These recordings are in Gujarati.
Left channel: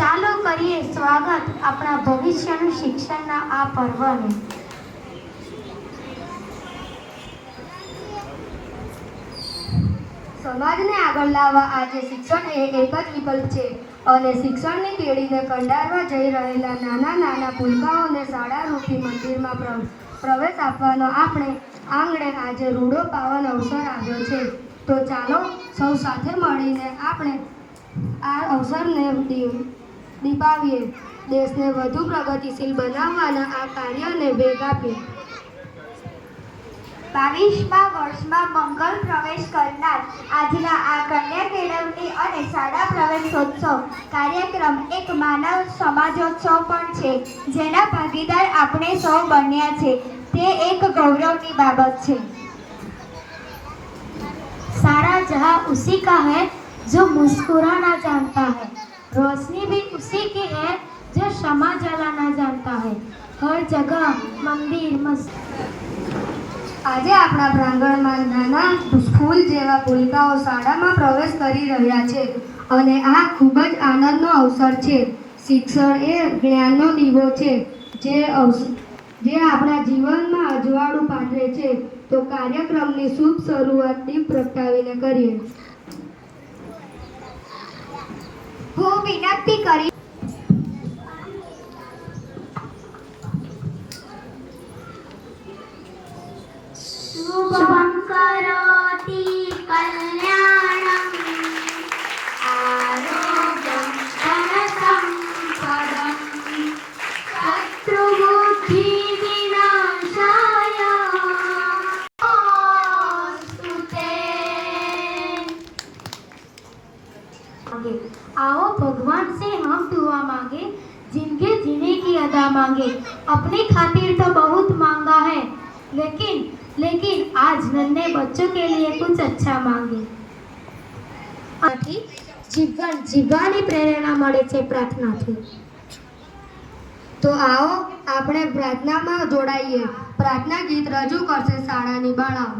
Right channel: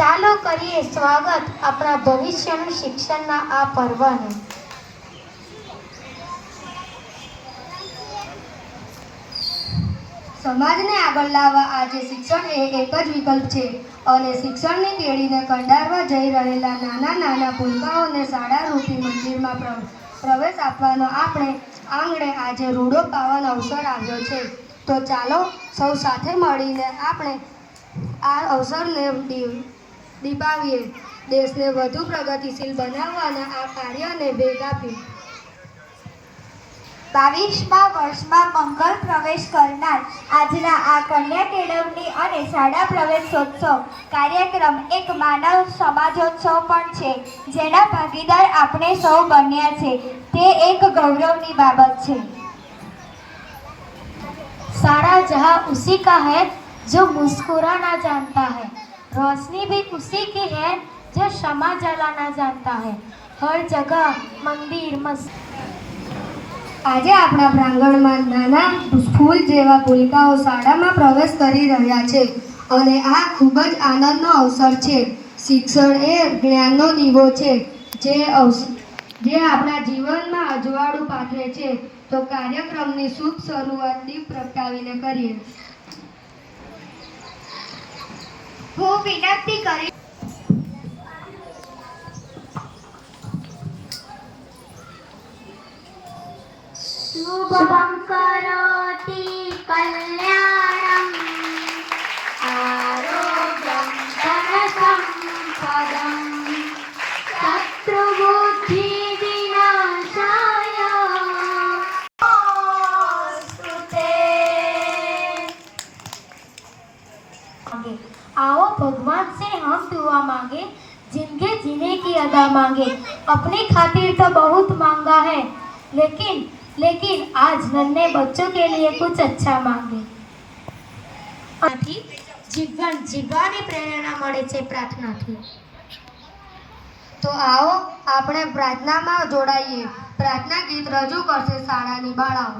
ચાલો કરીએ સ્વાગત આપણા ભવિષ્યનું શિક્ષણના આ પર્વનું. સમાજને આગળ લાવવા આજે શિક્ષણ એ એક જ વિકલ્પ છે અને શિક્ષણની કેળીને કંડારવા જઈ રહેલા નાના નાના ભૂલકાઓને શાળા રૂપી મંદિરમાં પ્ર- પ્રવેશ આપવાનો આપણે આંગણે આજે રૂડો પાવાનો અવસર આવ્યો છે. તો ચાલો સૌ સાથે મળીને આપણે આ અવસરને દીપાવીએ દેશને વધુ પ્રગતિશીલ બનાવવાના આ કાર્યને વેગ આપ્યો બાવીસમા વર્ષમાં મંગલ પ્રવેશ કરનાર આજના આ કન્યા કેળવણી અને શાળા પ્રવેશોત્સવ કાર્યક્રમ એક માનવ સમાજોત્સવ પણ છે, જેના ભાગીદાર આપણે સૌ બન્યા છે. તે એક ગૌરવની બાબત છે. શાળા જહા ઉસી કા હૈ, જો મુસ્કુરાના જાનતા હૈ. रोशनी भी उसी की है जो क्षमा जलाना जानता है हर जगह मंदिर मस्जिद આજે આપણા પ્રાંગણમાં નાના ફૂલ જેવા ભૂલકાઓ શાળામાં પ્રવેશ કરી રહ્યા છે અને આ ખૂબ જ આનંદનો અવસર છે શિક્ષણ એ જ્ઞાનનો દીવો છે જે અવસ જે આપણા જીવનમાં અજવાળું પાથરે છે તો કાર્યક્રમની શુભ શરૂઆત દીપ પ્રગટાવીને કરીએ હું વિનંતી કરી શુભમ मांगे आओ भगवान से हम दुआ मांगे जिंदगी जीने की अदा मांगे अपनी खातिर तो बहुत मांगा है लेकिन लेकिन आज नन्हे बच्चों के लिए कुछ अच्छा मांगे આથી જીવન જીવવાની પ્રેરણા મળે છે પ્રાર્થનાથી તો આવો આપણે પ્રાર્થનામાં જોડાઈએ પ્રાર્થના ગીત રજૂ કરશે શાળાની બાળાઓ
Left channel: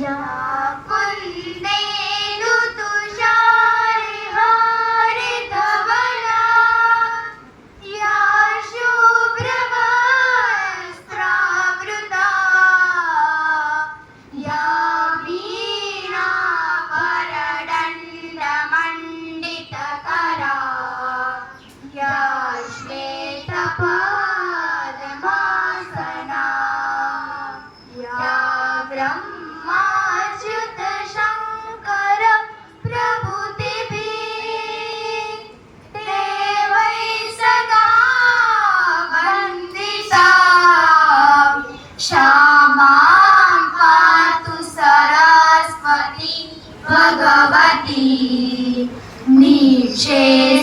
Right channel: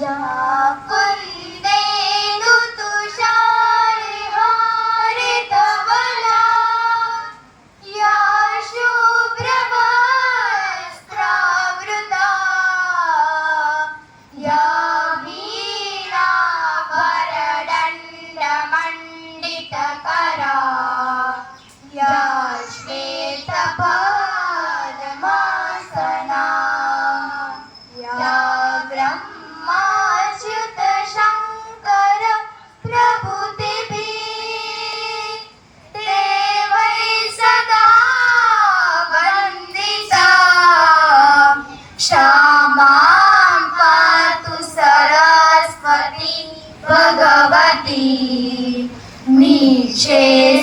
要归 Jesus.